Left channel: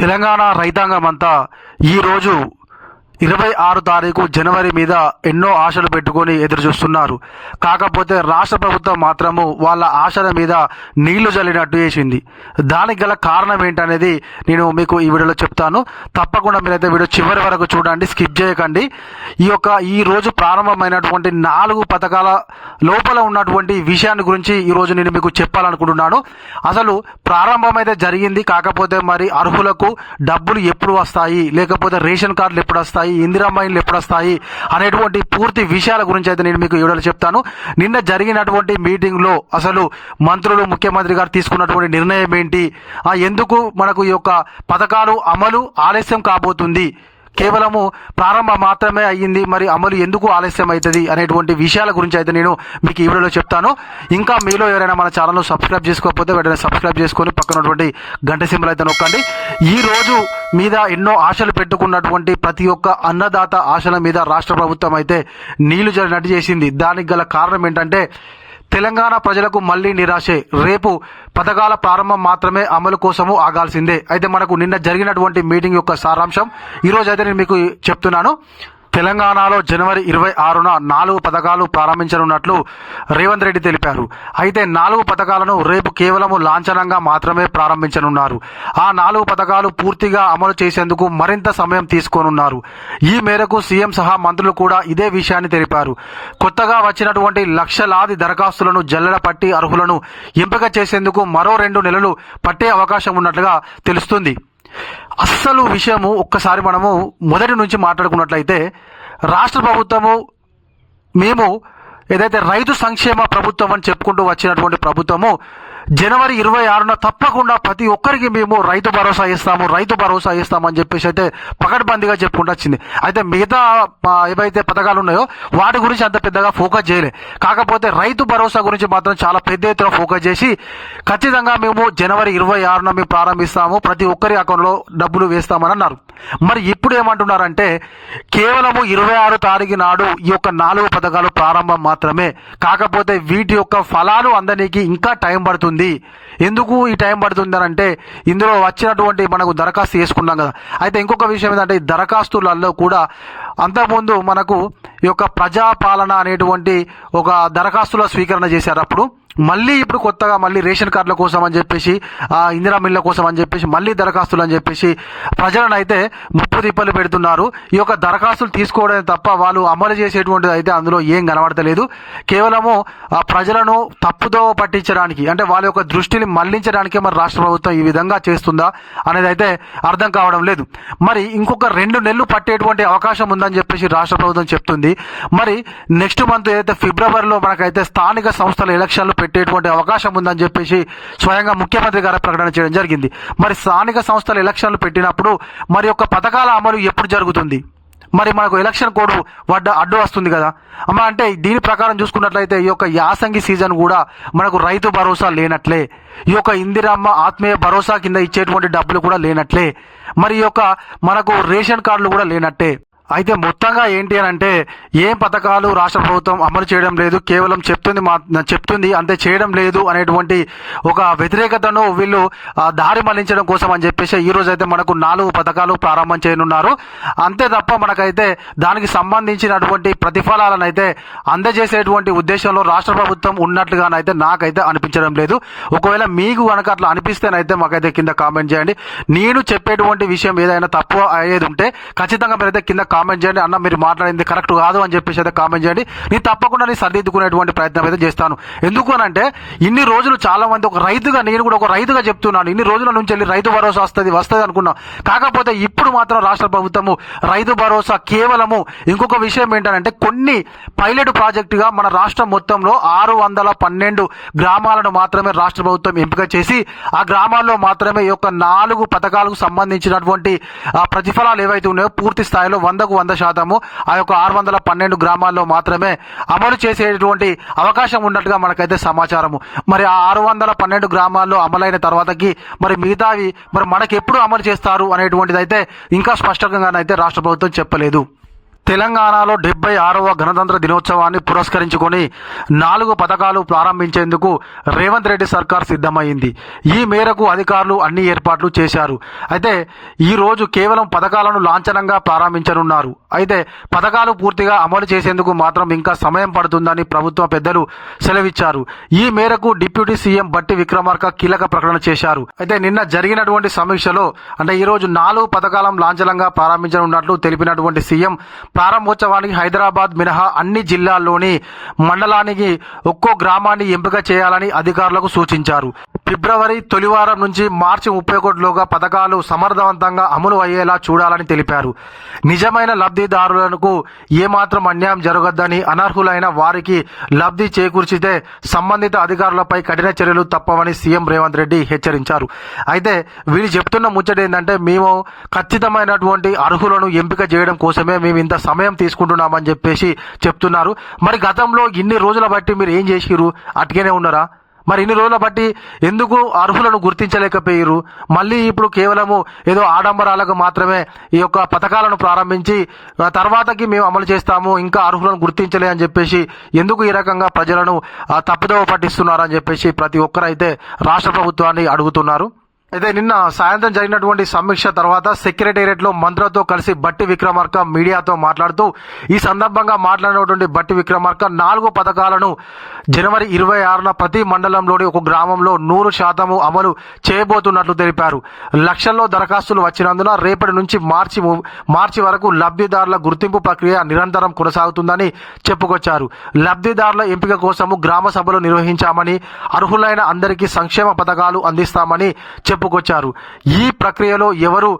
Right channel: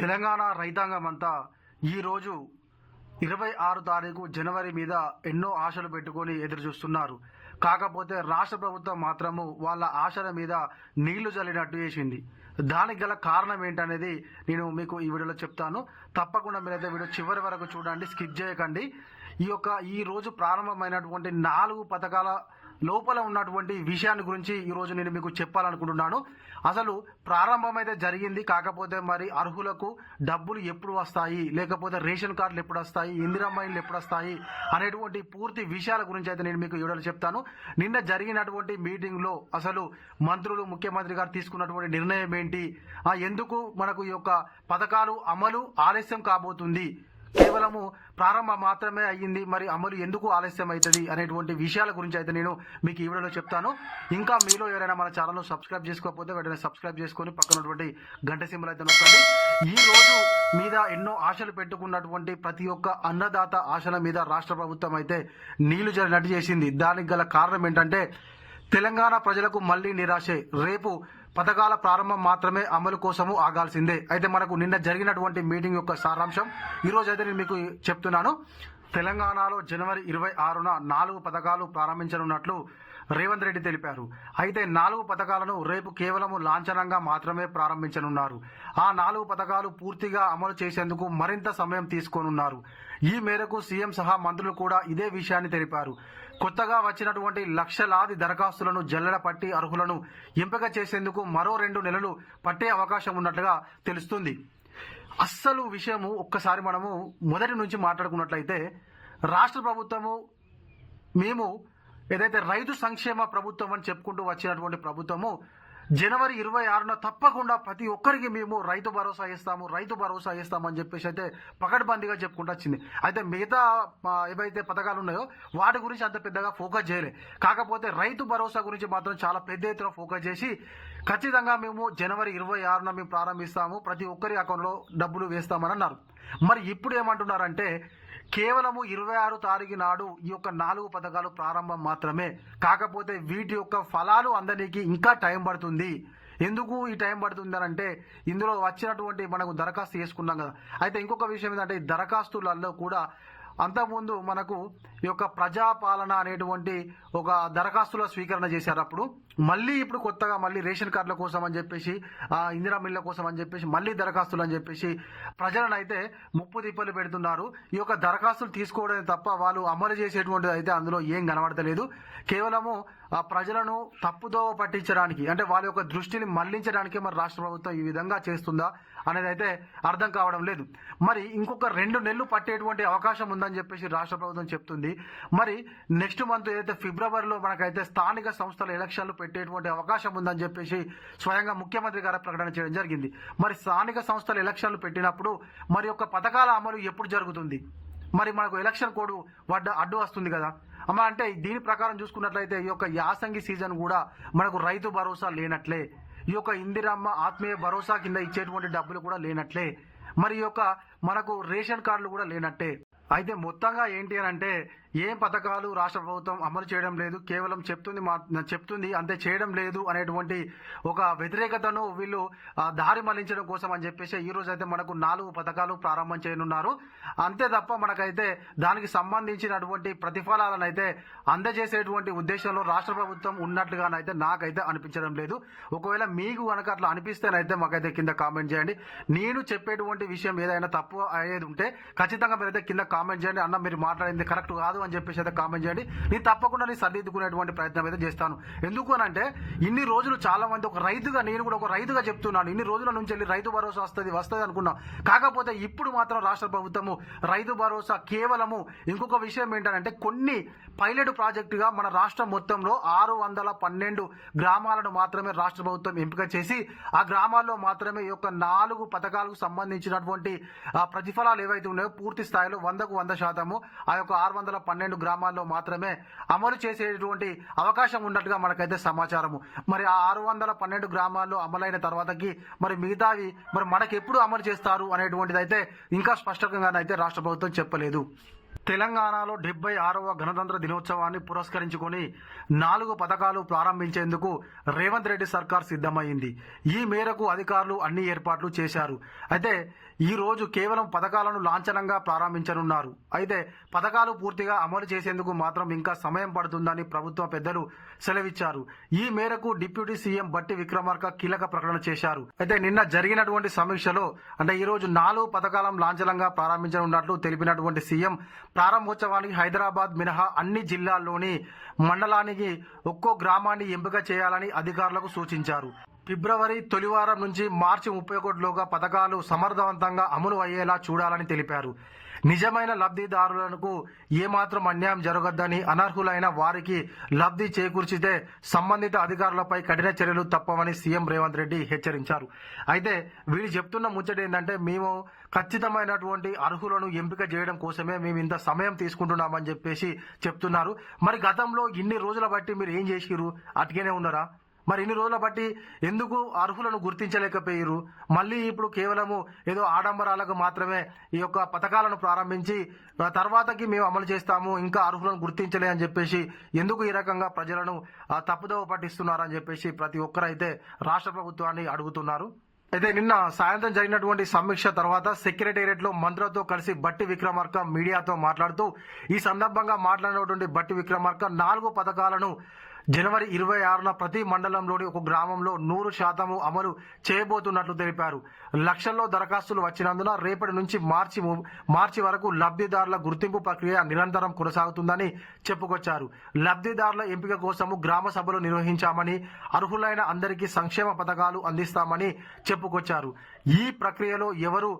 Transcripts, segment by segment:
తెలంగాణ రైతాంగమంతా ఈరోజు 26 తారీఖు జనవరి మీద ఎన్నో ఆశలు పెట్టుకొని ఎదురు చూస్తున్నారు. కాకపోతే రాష్ట్ర ప్రభుత్వం మాత్రము వాళ్ళ ఆశల మీద నీళ్లు చల్లినట్టు చేసింది. దానికి గల కారణం ఏంటనేది నేను మీకు ఈ వీడియోలో చెప్తాను. తప్పకుండా మీరైతే వీడియో చివరి వరకు చూడండి, స్కిప్ చేయకండి. ఈ రోజు ప్రారంభమైనటువంటి 4 పథకాల లోపల ఉన్నటువంటి విషయాన్ని గురించి ఈరోజు నేను మీకు చెప్పాలనుకుంటున్నాను. అసలు ప్రారంభమైతే జరిగింది, కాకపోతే మరి అర్హులకు డబ్బులు ఎప్పుడు వస్తాయి, లేకపోతే రేషన్ కార్డులు ఎప్పుడు వస్తాయి, ఇందిరమ్మ ఇండ్లు ఎప్పుడు వస్తాయి అనేటువంటి పూర్తి విషయాల గురించి అయితే నేను మీకు వీడియోలో చెప్తాను. నిన్న జరిగినటువంటి మీటింగ్లో అసలు మంత్రులు, ముఖ్యమంత్రి గారు తీసుకున్నటువంటి నిర్ణయం ఏంటి, ఎందుకు మనకు ఈ యొక్క పథకాలు అమలు ఆలస్యం కాబోతుంది, కేవలము ప్రారంభం మాత్రమే అయ్యింది, మరి అమలు ఎందుకు ఆలస్యం అవుతుంది అనేటువంటి విషయాల గురించి అయితే నేను మీకు ఈ వీడియోలో చెప్తాను. ఇంకా మీలో ఎవరైనా మన ఛానల్ను సబ్స్క్రైబ్ చేసుకోకపోతే వెంటనే సబ్స్క్రైబ్ చేసుకొని పక్కన ఉన్నటువంటి గంట సింబల్ అయితే నొక్కండి. ఈ రోజు మీద ఎన్నో ఆశలు పెట్టుకున్నటువంటి ప్రతి ఒక్క అన్నదాత ఆశల మీద రాష్ట్ర ప్రభుత్వం అయితే నీళ్లు జరిగినట్టు చేసింది. దానికి గల కారణం ఏంటంటే తెలంగాణ ప్రజలకు మళ్లీ నిరాశే. రేపు పథకాల ప్రారంభం మాత్రమే అమలు కోసము ఆగాల్సిందే. అయితే మనకు నిన్న జరిగినటువంటి మీటింగ్ యొక్క సారాంశం ఈరోజు అయితే నేను మీకు చెప్తున్నాను. తెలంగాణలో జనవరి 26న 4 పథకాలు ప్రారంభించనున్నట్లు రేవంత్ రెడ్డి తెలిపారు. అయితే 4 పథకాలను రేపు కేవలము లాంఛనంగా మాత్రమే ప్రారంభించనున్నారు. ఆ 4 పథకాలు పూర్తిగా అమలు చేసేందుకు మరింత సమయం తీసుకోనున్నారు. ఈ మేరకు సీఎం సహా మంత్రులు కూడా ఇదే విషయాన్ని తెలిపారు. కొత్తగా వచ్చినటువంటి లక్షలాది దరఖాస్తులను జల్లెడ పట్టి అర్హులను ఎంపిక చేసేందుకు మరో 2 నెలలు పట్టే అవకాశం ఉన్నట్లుగా తెలుస్తుంది. అస్సలు విషయము ఒక్కసారి మనము మొదటి నుంచి మాట్లాడుకున్నట్లయితే రాష్ట్ర ప్రభుత్వము మేము ఏదైతే రైతు సంక్షేమ ప్రభుత్వం అని చెప్పుకుంటూ వచ్చినటువంటి ప్రభుత్వము జనవరి 26న తప్పకుండా ప్రతి ఒక్కరికి మేము రైతు భరోసా ఇస్తామని చెప్పేసి అయితే పకడ్బందీగా చెప్పుకుంటూ వచ్చింది. అయితే మిగతా ఏవైతే పథకాలు ఉన్నాయో వాటి గురించి అంత పెద్దగా ఫోకస్ చేయలే. కాకపోతే రైతు భరోసా గురించి మాత్రం చాలా పెద్ద ఎత్తున ఫోకస్ చేసి ఖచ్చితంగా మేము జనవరి 26న మేము ప్రారంభిస్తాము, ప్రతి ఒక్కరి అకౌంట్లో డబ్బులు వేస్తామని అన్నారు. మరి ఇప్పుడు ఏమంటున్నారంటే కేవలము 26 తారీఖు నాడు ఈ యొక్క 4 పథకాలు ప్రారంభం మాత్రమే. కాకపోతే వీటి యొక్క ఫలాలు అందడానికి ఇంకా టైం పడుతుంది. ఎందుకు ఈ టైం పడుతుంది అని అంటే ఇందులో వచ్చినటువంటి మనకు దరఖాస్తు చేసుకున్నాం కదా. అయితే ఇంకొక విషయం ఏంటంటే ఈ దరఖాస్తులలో కూడా అంతకుముందు మనకు ఈ యొక్క ప్రజాపాలన అనేటువంటి ఒక దరఖాస్తుల స్వీకరణ చేశారు. అప్పుడు మళ్ళీ ఇప్పుడు కొత్తగా మళ్ళీ రేషన్ కార్డుల కోసం అని చెప్పేసి, ఇందిరా మిల్ల కోసం అని చెప్పేసి మళ్ళీ దరఖాస్తులు అని చెప్పేసి ప్రజలను అయితే ముప్పు తిప్పలు పెడుతున్నారు. ఈ యొక్క దరఖాస్తులు తీసుకోవడం తప్ప వాళ్ళు అమలు చేసేటువంటిది అయితే అందులో ఏం కనబడతలేదు. కేవలము ప్రజలను తప్పుదో పట్టించడానికి, అంటే వాళ్ళ యొక్క దృష్టిని మళ్లించడానికే మరి రాష్ట్ర ప్రభుత్వం ఈ విధంగా చేస్తుందా అనేది అయితే అర్థం కావడం లేదు. మరి ఇంకొక 2 నెలలు పట్టేటువంటి అవకాశం ఉందని చెప్పేసి రాష్ట్ర ప్రభుత్వం చెప్తుంది. మరి నెక్స్ట్ మంత్ ఏదైతే ఫిబ్రవరిలో మనకైతే స్థానిక సంస్థల ఎలక్షన్లు పెట్టేటువంటి అవకాశం ఉందని చెప్పేసి స్వయంగా ముఖ్యమంత్రి గారు ప్రకటన చేయడం జరిగింది. మరి స్థానిక సంస్థల ఎలక్షన్లు పెట్టినప్పుడు మరి యొక్క పథకాల అమలు ఎప్పుడు జరుగుతుంది? మరి మనకు ఎలక్షన్ కోడ్ అడ్డు వస్తుంది కదా అమ్మ. అంటే దీని ప్రకారం చూసుకున్నట్లయితే ఈ యొక్క యాసంగి సీజన్ కూడా మనకు రైతు భరోసా లేనట్లే, ఈ యొక్క ఇందిరమ్మ ఆత్మీయ భరోసా కింద ఇచ్చేటువంటి డబ్బులు కూడా లేనట్లే, మరి ఈ యొక్క మనకు రేషన్ కార్డులు కూడా లేనట్టే. అయితే మొత్తంగా ఏంటి అని అంటే ఏం పథకాలు రాష్ట్ర ప్రభుత్వం అమలు చేయడం లేదు, కేవలం చెప్తుంది అంతే, చేయడం లేదు అనేటువంటి ఒక వ్యతిరేకతను వీళ్ళు దారి మళ్లించడం కోసం అని చెప్పేసి ఈ రోజు అయితే మనకు 4 పథకాలు ప్రారంభం చేయనున్నారు. అంతే తప్ప మనకైతే దానికి సంబంధించినటువంటి ప్రతిఫలాలను అయితే అందజేసేటువంటి ఉద్దేశంలో రాష్ట్ర ప్రభుత్వం ఉన్నట్లుగానైతే నాకైతే అనిపించడం లేదు. ఒకవేళ మీకు కనుక అట్లా అనిపిస్తేనైతే మాకైతే కింద కామెంట్ చేయండి. నేను చెప్పేటువంటి విషయం ఏదైనా తప్పు అయ్యేది ఉంటే ఖచ్చితంగా మీరైతే కింద కామెంట్ చేయండి. అన్న మీరు మాట్లాడింది కరెక్ట్ కాదు అని చెప్పేసి అయితే కామెంట్ చేయండి. నేను తప్పకుండా నేను సరిదిద్దుకునేటువంటి ప్రయత్నం అయితే చేస్తాను. ఎందుకు అని అంటే ఇన్ని రోజులు చాలా మంది ఒక రైతుగా, నేను కూడా ఒక రైతుగా చెప్తున్నాను, ఇన్ని రోజుల నుంచి వెళ్ళి రైతు భరోసా వస్తుంది అనుకున్నాం. కాకపోతే ఇప్పుడు మాత్రం రాష్ట్ర ప్రభుత్వము రైతు భరోసా కేవలము ఇంకొక విషయం ఏంటంటే కొన్ని పైలట్ ప్రాజెక్టుగా మన రాష్ట్రం మొత్తంలో 612 గ్రామాలను మాత్రమే రాష్ట్ర ప్రభుత్వం ఎంపిక చేసి ఆ గ్రామాల్లో మాత్రమే ఈ యొక్క 4 పథకాలకు సంబంధించినటువంటి ప్రతిఫలాలు ఏవైతే ఉన్నాయో పూర్తి స్థాయిలో 100% ఆ యొక్క 612 గ్రామాల్లో మాత్రమే అమలు చేసేటువంటి అవకాశం ఉన్నట్టుగా మనకైతే సమాచారము. మరి ఆ 612 గ్రామాల్లో అమలైన తర్వాతకి మరి మిగతావి మరి మనకి ఎప్పుడు అమలు చేస్తారు అనేటువంటిది అయితే ఇంకా స్పష్టంగానైతే రాష్ట్ర ప్రభుత్వం చెప్పలేదు. తెలంగాణలో 76వ గణతంత్ర దినోత్సవాన్ని పురస్కరించుకొని 4 పథకాలు ప్రారంభించేందుకు రేవంత్ రెడ్డి సర్కార్ సిద్ధమైంది. ఈ మేరకు అధికారులు అన్ని ఏర్పాట్లు చేశారు. అయితే ఈ రోజు కేవలం పథకాలను లాంఛనంగా ప్రారంభించనున్నారు. అయితే పథకాలు పూర్తిగా అమలు చేసేందుకు మాత్రం ఇంకా సమయం పడుతుందని ప్రభుత్వ పెద్దలు సెలవిచ్చారు. ఈ మేరకు డిప్యూటీ సీఎం బట్టి విక్రమార్క కీలక ప్రకటన చేశారు. అయితే నిన్న జరిగినటువంటి సమీక్షలో అంటే ఈ రోజు 4 పథకాలను లాంఛనంగా ప్రారంభించనున్నట్లు తెలిపినటువంటి సీఎం ప్రారంభోత్సవానికి హైదరాబాద్ మినహా అన్ని జిల్లాల్లోని మండలానికి ఒక్కో గ్రామాన్ని ఎంపిక చేయాలని అధికారులకు సూచించారు. ఫిబ్రవరి తొలివారం నుంచి మార్చి 31లోగా పథకాలు సమర్థవంతంగా అమలు అయ్యేలా చూడాలని తెలిపారు. నిజమైన లబ్ధిదారులకు ఏమాత్రం అన్యాయం జరగద్దని, అనర్హులైన వారికి లబ్ధి చేకూర్చితే సంబంధిత అధికారులపై కఠిన చర్యలు తప్పవని సీఎం రేవంత్ రెడ్డి హెచ్చరించారు. అయితే వీళ్ళు చెప్తున్న ముచ్చట ఏంటంటే మేము ఖచ్చితమైనటువంటి అర్హులను ఎంపిక చేయడం కోసమే మేము ఇంత సమయం తీసుకుంటున్నామని చెప్పేసి చెప్తున్నారు. మరి గతంలో ఇన్ని రోజుల బట్టి మీరు ఏం చేసిరు? అట్గానే ఉన్నారా? మరి ఇన్ని రోజుల బట్టి ఎందుకు అర్హులను గుర్తించలేకపోయారు? మళ్ళీ ఇప్పుడు కేవలము ఏదో ఆడంబరాలకు మాత్రమే ఈ యొక్క పథకాలను ప్రారంభించి తర్వాతకి మేము అమలు చేస్తాము, ఇంకా అర్హులను గుర్తించలే అని చెప్పేసి ఎందుకు ఈ రకంగా ప్రజలను తప్పుదోవ పట్టిస్తున్నారని చెప్పేసి ప్రతి ఒక్కరైతే రాష్ట్ర ప్రభుత్వాన్ని అడుగుతున్నారు. అయితే నిన్న సాయంత్రం జరిగినటువంటి సమీక్ష తర్వాత సెక్రటేరియట్లో మంత్రులతో కలిసి బట్టి విక్రమార్క మీడియాతో మాట్లాడుతూ ఈ సందర్భంగా మాట్లాడినటువంటి బట్టి విక్రమార్క 4 పథకాలను జనవరి 26న ప్రతి మండలంలోని ఒక గ్రామంలో 100% అమలు చేయబోతున్నట్లు తెలిపారు. లక్షల్లో దరఖాస్తులు వచ్చినందున రేపటి నుంచి మార్చి వరకు లబ్ధిదారుల గుర్తింపు ప్రక్రియ నిరంతరం కొనసాగుతుందని చెప్పుకొచ్చారు. లబ్ధిదారుల ఎంపిక కోసము గ్రామ సభలు నిర్వహించామని, అర్హులైన అందరికీ సంక్షేమ పథకాలు అందిస్తామని చెప్పుకొచ్చారు. ఈ ప్రక్రియలో ఎవరు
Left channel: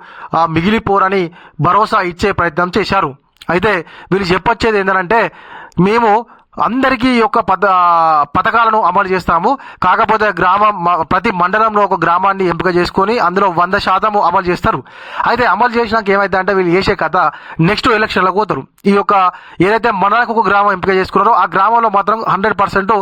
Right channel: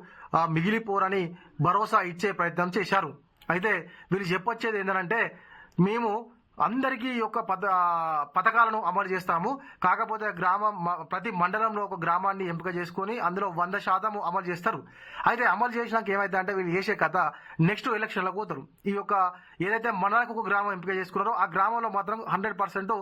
మిగిలిపోరని భరోసా ఇచ్చే ప్రయత్నం చేశారు. అయితే వీళ్ళు చెప్పొచ్చేది ఏంటంటే మేము అందరికీ ఈ యొక్క పథకాలను అమలు చేస్తాము. కాకపోతే ప్రతి మండలంలో ఒక గ్రామాన్ని ఎంపిక చేసుకొని అందులో 100% అమలు చేస్తారు. అయితే అమలు చేసినాక ఏమైతే అంటే వీళ్ళు చేసే కథ నెక్స్ట్ ఎలక్షన్లకు పోతారు. ఈ యొక్క ఏదైతే మండలకు ఒక గ్రామం ఎంపిక చేసుకున్నారో ఆ గ్రామంలో మాత్రం 100%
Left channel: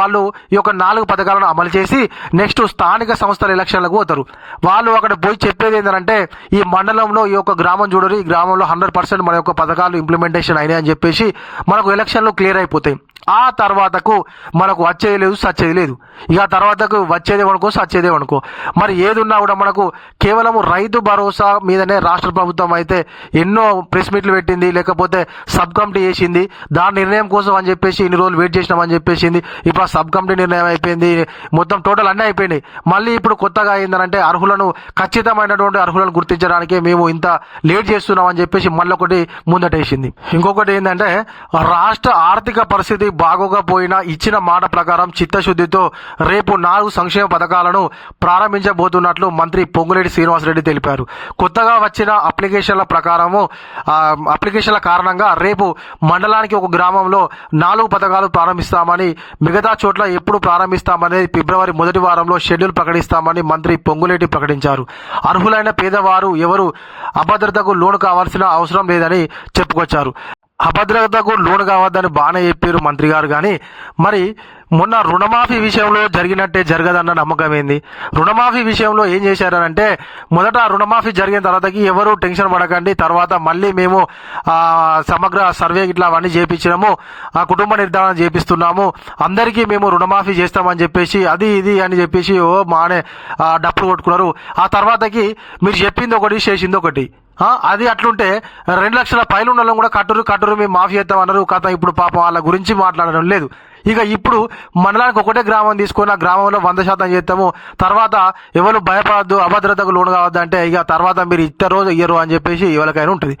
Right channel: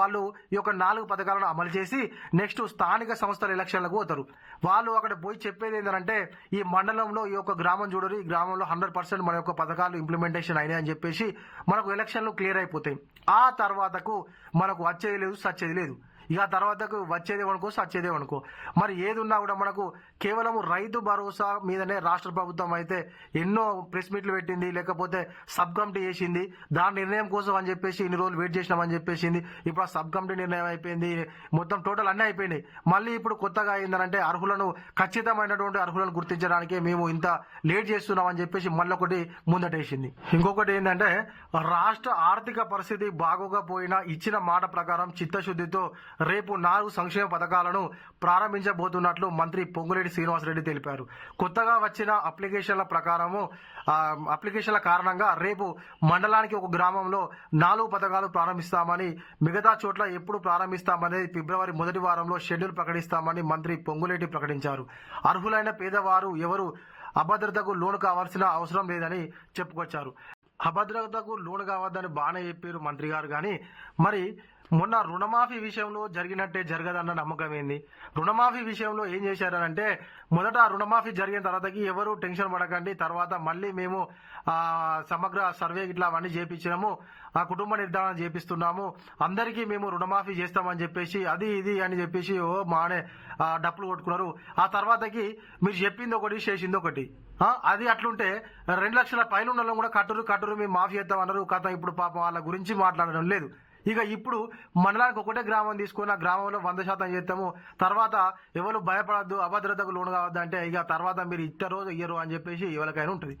వాళ్ళు ఈ యొక్క 4 పథకాలను అమలు చేసి నెక్స్ట్ స్థానిక సంస్థల ఎలక్షన్లకు పోతారు. వాళ్ళు అక్కడ పోయి చెప్పేది ఏంటంటే ఈ మండలంలో ఈ యొక్క గ్రామం చూడరు, ఈ గ్రామంలో 100% మన యొక్క పథకాలు ఇంప్లిమెంటేషన్ అయినాయి అని చెప్పేసి మనకు ఎలక్షన్లు క్లియర్ అయిపోతాయి. ఆ తర్వాతకు మనకు వచ్చేది లేదు, సచ్చేది లేదు. ఇక తర్వాతకు వచ్చేదే అనుకో, సచ్చేదే అనుకో. మరి ఏది ఉన్నా కూడా మనకు కేవలం రైతు భరోసా మీదనే రాష్ట్ర ప్రభుత్వం అయితే ఎన్నో ప్రెస్ మీట్లు పెట్టింది, లేకపోతే సబ్ కమిటీ చేసింది. దాని నిర్ణయం కోసం అని చెప్పేసి ఇన్ని రోజులు వెయిట్ చేసినామని చెప్పేసింది. ఇప్పుడు ఆ సబ్ కమిటీ నిర్ణయం అయిపోయింది, మొత్తం టోటల్ అన్నీ అయిపోయినాయి. మళ్ళీ ఇప్పుడు కొత్తగా ఏంటంటే అర్హులను ఖచ్చితమైనటువంటి అర్హులను గుర్తించడానికి మేము ఇంత లేట్ చేస్తున్నామని చెప్పేసి మళ్ళీ ఒకటి ముందటేసింది. ఇంకొకటి ఏంటంటే రాష్ట్ర ఆర్థిక పరిస్థితి బాగోకపోయినా ఇచ్చిన మాట ప్రకారం చిత్తశుద్ధితో రేపు 4 సంక్షేమ పథకాలను ప్రారంభించబోతున్నట్లు మంత్రి పొంగులేటి శ్రీనివాసరెడ్డి తెలిపారు. కొత్తగా వచ్చిన అప్లికేషన్ల కారణంగా రేపు మండలానికి ఒక గ్రామంలో 4 పథకాలు ప్రారంభిస్తామని, మిగతా చోట్ల ఎప్పుడు ప్రారంభిస్తామనేది ఫిబ్రవరి మొదటి వారంలో షెడ్యూల్ ప్రకటిస్తామని మంత్రి పొంగులేటి ప్రకటించారు. అర్హులైన పేదవారు ఎవరు అభద్రతకు లోను కావాల్సిన అవసరం లేదని చెప్పుకొచ్చారు. అభద్రతకు లోను కావద్దని బాగానే చెప్పారు మంత్రి గారు. కానీ మరి మొన్న రుణమాఫీ విషయంలో జరిగినట్టే జరగదన్న నమ్మకం ఏంది? రుణమాఫీ విషయంలో ఏం చేశారంటే మొదట రుణమాఫీ జరిగిన తర్వాతకి ఎవరు టెన్షన్ పడకండి, తర్వాత మళ్ళీ మేము సమగ్ర సర్వే ఇట్లా అవన్నీ చేయించినాము, కుటుంబ నిర్ధారణ చేపిస్తున్నాము, అందరికీ మేము రుణమాఫీ చేస్తామని చెప్పేసి అది ఇది అని చెప్పేసి మానే డప్పులు కొట్టుకున్నారు. ఆ తర్వాతకి మీరు చెప్పింది ఒకటి, చేసింది ఒకటి. అది అట్లుంటే 2 లక్షల పైన ఉన్న వాళ్ళని కూడా కట్టురు మేము మాఫీ చేస్తామన్నారు. కథ ఇప్పుడు పాపం వాళ్ళ గురించి మాట్లాడడం లేదు. ఇక ఇప్పుడు మండలానికి ఒకటే గ్రామం తీసుకొని ఆ గ్రామంలో 100% చేస్తాము, తర్వాత ఎవరు భయపడద్దు, అభద్రతకు లోను కావద్దు అంటే ఇక తర్వాత మీరు ఇయ్యరు అని చెప్పేసి ఎవరికైనా ఉంటుంది.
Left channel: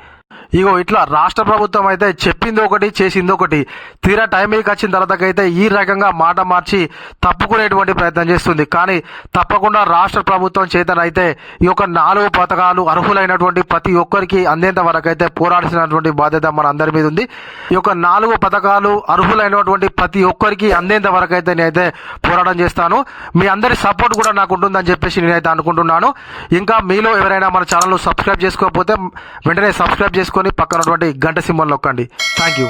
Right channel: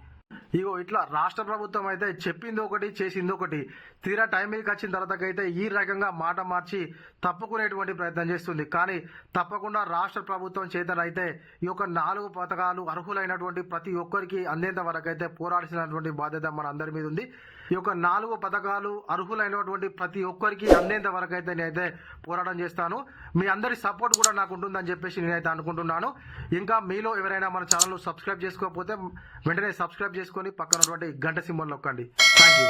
ఇగో ఇట్లా రాష్ట్ర ప్రభుత్వం అయితే చెప్పింది ఒకటి, చేసింది ఒకటి. తీరా టైంకి వచ్చిన తర్వాతకైతే ఈ రకంగా మాట మార్చి తప్పుకునేటువంటి ప్రయత్నం చేస్తుంది. కానీ తప్పకుండా రాష్ట్ర ప్రభుత్వం చేతనైతే ఈ యొక్క 4 పథకాలు అర్హులైనటువంటి ప్రతి ఒక్కరికి అందేంత వరకు అయితే పోరాడాల్సినటువంటి బాధ్యత మన అందరి మీద ఉంది. ఈ యొక్క 4 పథకాలు అర్హులైనటువంటి ప్రతి ఒక్కరికి అందేంత వరకు అయితే నేనైతే పోరాటం చేస్తాను. మీ అందరి సపోర్ట్ కూడా నాకు ఉంటుందని చెప్పేసి నేనైతే అనుకుంటున్నాను. ఇంకా మీలో ఎవరైనా మన ఛానల్ సబ్స్క్రైబ్ చేసుకోకపోతే వెంటనే సబ్స్క్రైబ్ చేసుకొని పక్కన ఉన్నటువంటి గంట సింబల్ నొక్కండి. Thank you.